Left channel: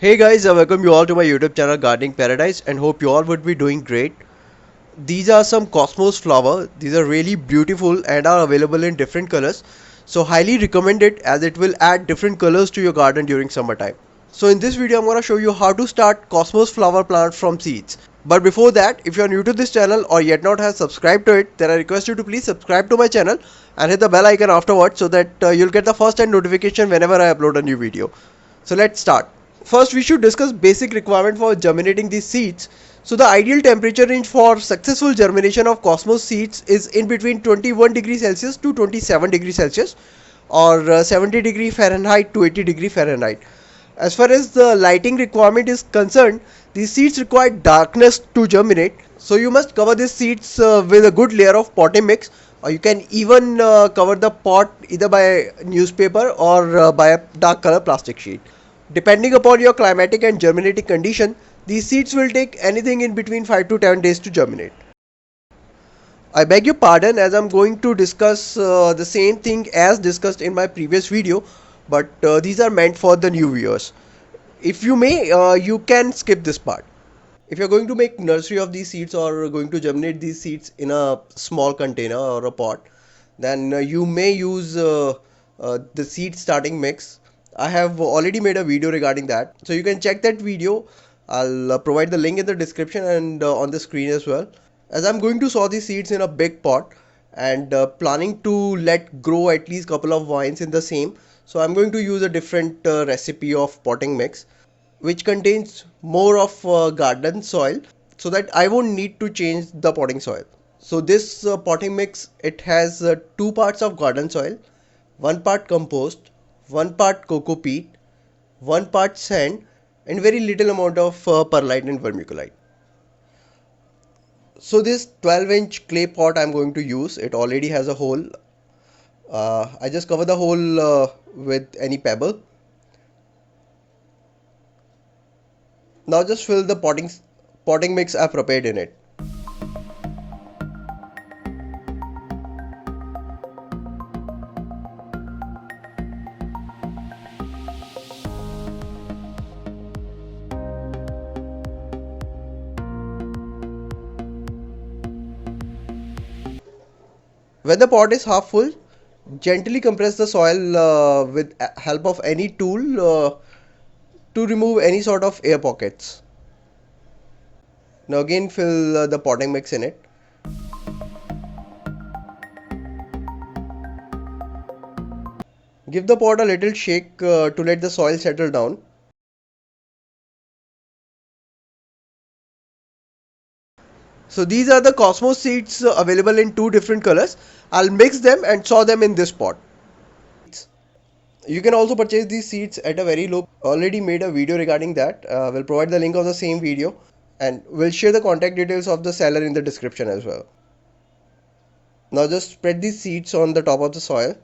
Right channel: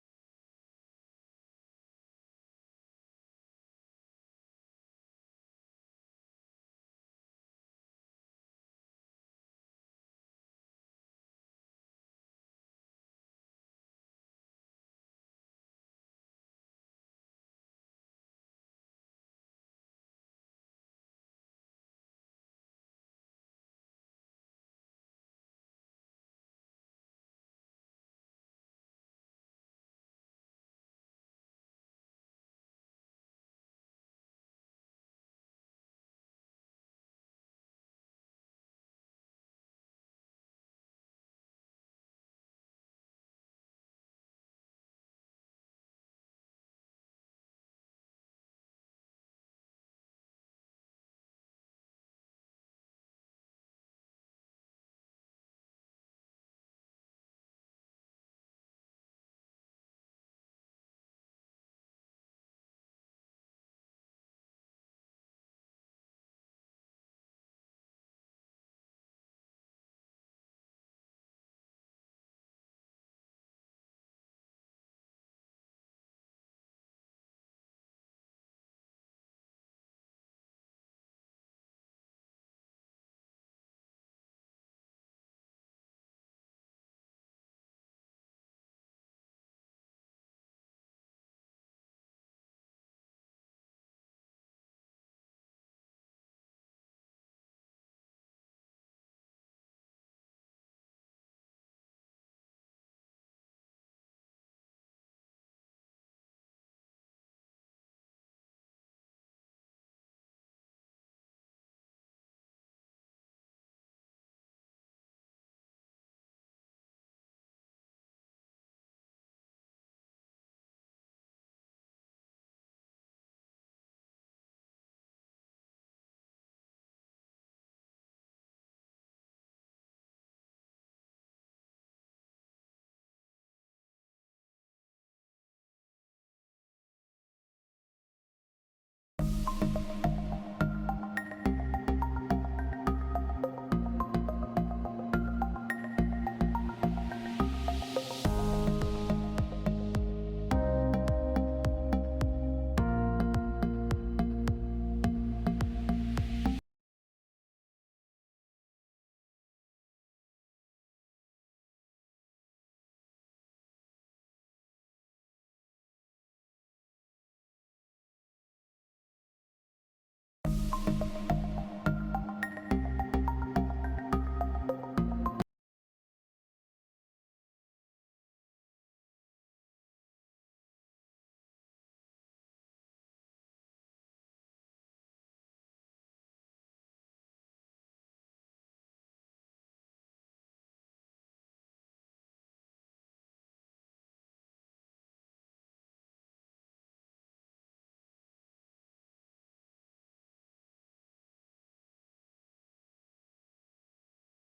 Hey guys, I welcome you all to my YouTube channel Gardening Paradise and hope you all would be doing great. These are some Cosmos flower. These are really beautiful and are available in different colors. So highly recommend it as it will add different colors to your garden during summertime. So in this video I'm going to show you how to start Cosmos flower plant from seeds. But before that, if you are new to this channel or yet not have subscribed to it, then I request you to please subscribe to my channel and hit the bell icon afterwards so that you'll get the first hand notification whenever I upload a new video. So let's start. First, we should discuss basic requirement for germinating these seeds. So the ideal temperature range for successful germination of Cosmos seeds is in between 21 degrees Celsius to 27 degrees Celsius or 70 degree Fahrenheit to 80 degree Fahrenheit. As far as the lighting requirement is concerned, these seeds require darkness to germinate. So you must cover these seeds with a good layer of potting mix, or you can even cover the pot either by newspaper or by a dark color plastic sheet. Depending upon your climatic and germinating condition, these seeds will take anything in between 5 to 10 days to germinate. I beg your pardon as I'm going to discuss the same thing as discussed in my previous video, but these are meant for the new viewers. If you may, you can skip this part. If you're going to make nursery of these seeds or going to germinate these seeds in a small container or a pot, then you may use the seed starting mix. I have already made a video regarding that, so you can check that video. I'll provide the link in the description and on the screen as well. As I'm going to sow these seeds in a big pot and planning to let grow at least couple of vines in the same, so I'm going to use a different recipe of potting mix which contains more of garden soil so that I won't need to change the potting soil. So this potting mix, it has two parts of garden soil, one part compost, one part coco peat, one part sand and very little amount of perlite and vermiculite. So this 12-inch clay pot I'm going to use, it already has a hole. I just cover the hole with any pebble. Now just fill the potting mix I prepared in it. When the pot is half full, gently compress the soil with help of any tool to remove any sort of air pockets. Now again fill the potting mix in it. Give the pot a little shake to let the soil settle down. So these are the Cosmos seeds available in two different colors. I'll mix them and sow them in this pot. You can also purchase these seeds at a very low. Already made a video regarding that. We'll provide the link of the same video and we'll share the contact details of the seller in the description as well. Now just spread these seeds on the top of the soil.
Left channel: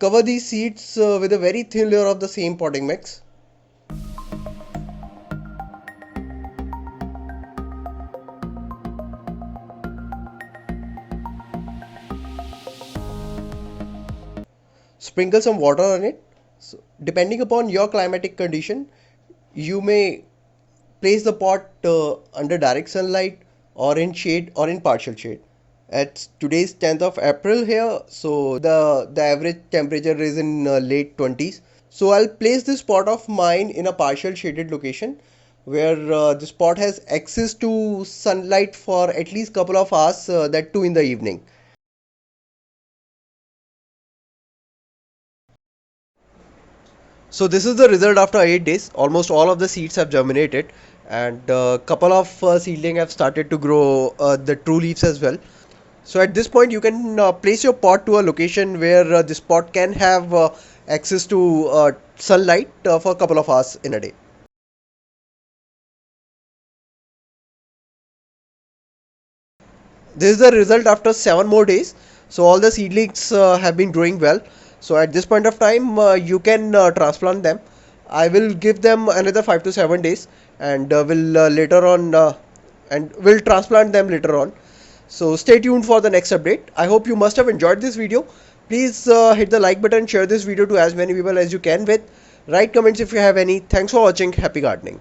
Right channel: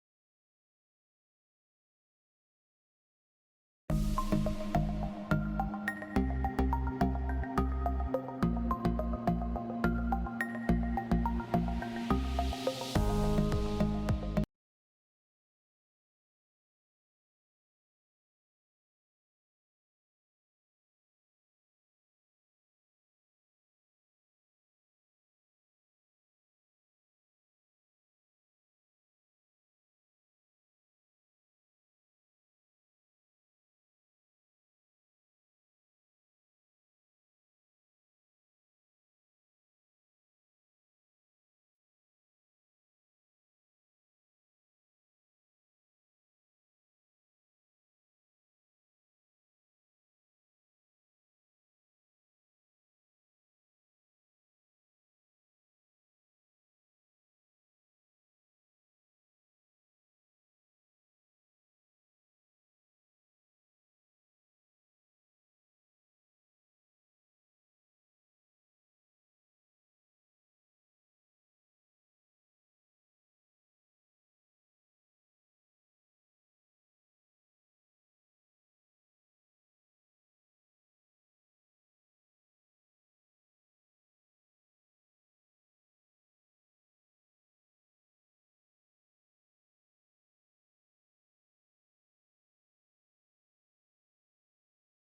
Cover these seeds with a very thin layer of the same potting mix. Sprinkle some water on it. So, depending upon your climatic condition, you may place the pot under direct sunlight or in shade or in partial shade. It's today's 10th of April here, so the average temperature is in late 20s. So I'll place this pot of mine in a partial shaded location where this pot has access to sunlight for at least couple of hours, that too in the evening. So this is the result after 8 days. Almost all of the seeds have germinated and a couple of seedling have started to grow the true leaves as well. So at this point you can place your pot to a location where this pot can have access to sunlight for a couple of hours in a day. This is the result after 7 more days. So all the seedlings have been growing well. So at this point of time you can transplant them. I will give them another 5 to 7 days and will later on and we'll transplant them later on. So stay tuned for the next update. I hope you must have enjoyed this video. Please hit the like button, share this video to as many people as you can with. Write comments if you have any. Thanks for watching. Happy gardening.